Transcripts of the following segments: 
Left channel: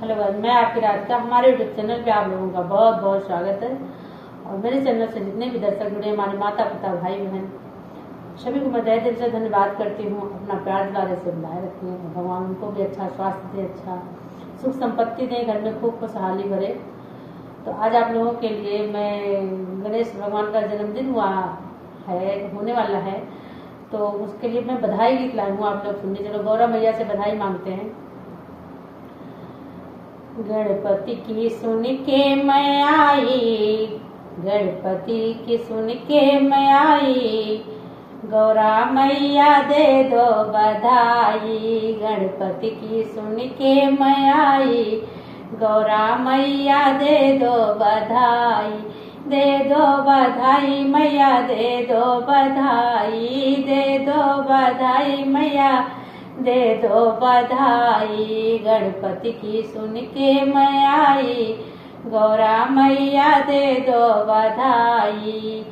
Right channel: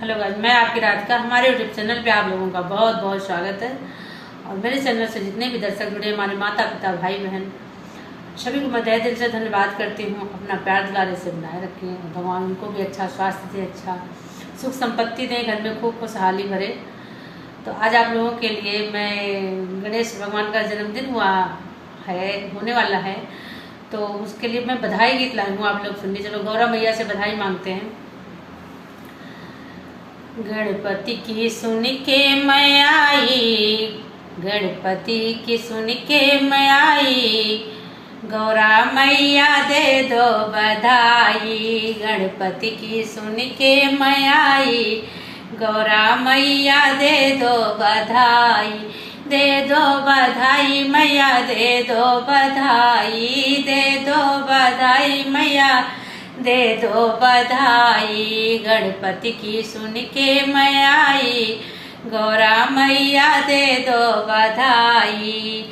Hello guys, मैं आपकी राधिका। हमारे यूट्यूब चैनल पे आप लोगों का बहुत बहुत स्वागत है। और मेरे चैनल से जितने भी दर्शक जुड़े, हमारे माता पिता भाई बहन सभी को मैं तहे दिल से धन्यवाद करती हूँ। अपना प्यार दुलारे से बनाए रखें, भगवान उनको भी अच्छा स्वास्थ्य दे, अच्छा सुख संपत्ति दें, घर में खूब खुशहाली भरे। तो आज आप लोगों के लिए मैं गणेश भगवान का जन्मदिन होने वाला है, तो उसके लिए मैं बधाई गीत लाई हूँ। आप लोग सुनिए। चलो गौरा मैया से बधाई मांगते हैं। गणपति की सुन के मैं आई, गणपति की सुन के मैं आई, गौरा मैया दे दो बधाई। गणपति की सुन के मैं आई, गौरा मैया दे दो बधाई। दे दो बधाई मैया, दे दो बधाई, दे दो बधाई मैया, दे दो बधाई। गणपति की सुन के मैं आई, गौरा मैया दे दो बधाई।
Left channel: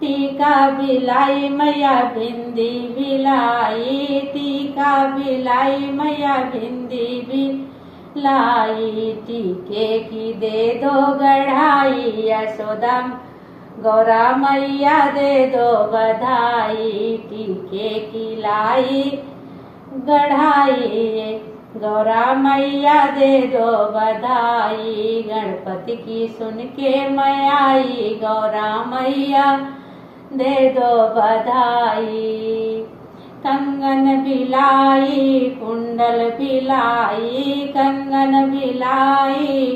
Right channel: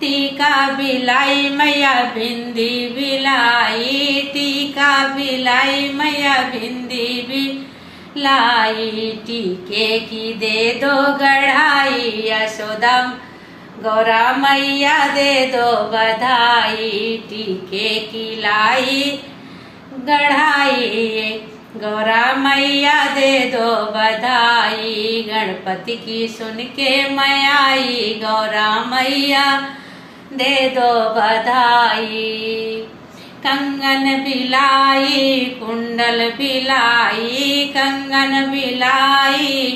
टीका बिलाई मैया बिंदी बिलाई, टीका बिलाई मैया बिंदी बिलाई। टीके की दे दो गढ़ाई, यशोदा गौरा मैया दे दो बधाई। टीके की लाई गढ़ाई, गौरा मैया दे दो बधाई। गणपति की सुन के मैं आई, गौरा मैया दे दो बधाई। कंगन बिलाई कुंडल बिलाई, कंगन बिलाई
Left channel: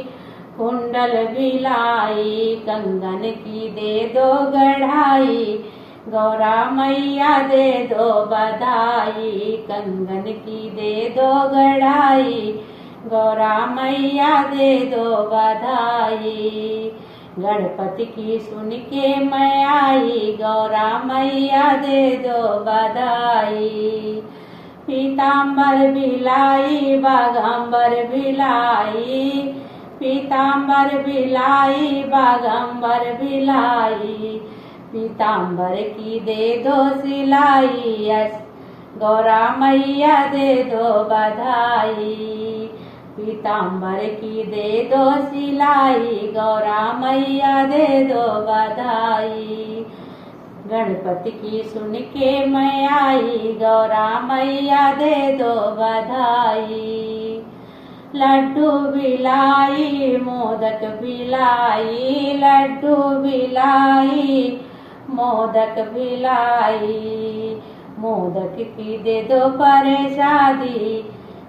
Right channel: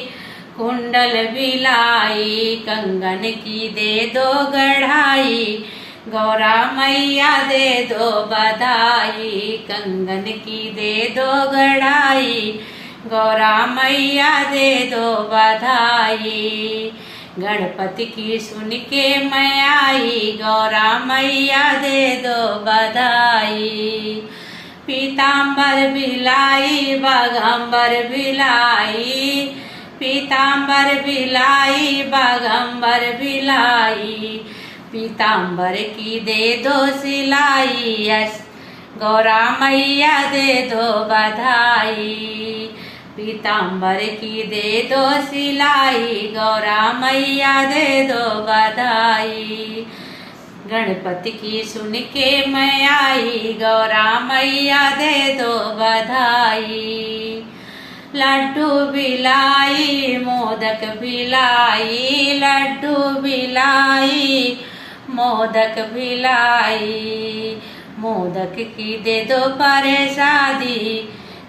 कुंडल बिलाई। कंगन की दे दो गढ़ाई, गौरा मैया दे दो बधाई। कंगन की दे दो गढ़ाई, गौरा मैया दे दो बधाई। गणपति की सुन के मैं आई, गौरा मैया दे दो बधाई। पीताम्बर बिलाई बागंबर बिलाई, पीताम्बर बिलाई बागंबर बिलाई। पीताम्बर की दे दो सिलाई, यश गौरा मैया दे दो बधाई। पीताम्बर की दे दो सिलाई, गौरा मैया दे दो बधाई। गणपति की सुन के मैं आई, गौरा मैया दे दो बधाई। लड्डू बिलाई मोदक बिलाई, लड्डू बिलाई मोदक बिलाई। मोदक की दे दो प्रसादी,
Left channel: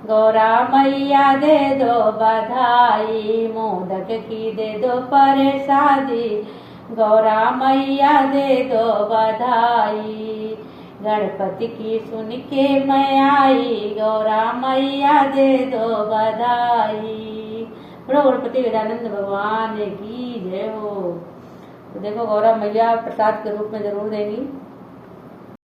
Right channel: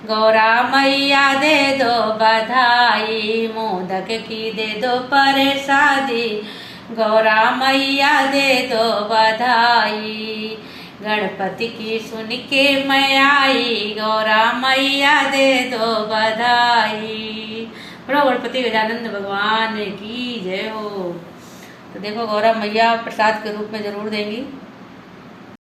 गौरा मैया दे दो बधाई। मोदक की दे दो प्रसादी, गौरा मैया दे दो बधाई। गणपति की सुन के मैं आई, गौरा मैया दे दो बधाई। बड़ो गणपति गजानंद भगवान की जय हो। तो देखो गौरा मैया प्रसाद के रूप में जरूर देंगी।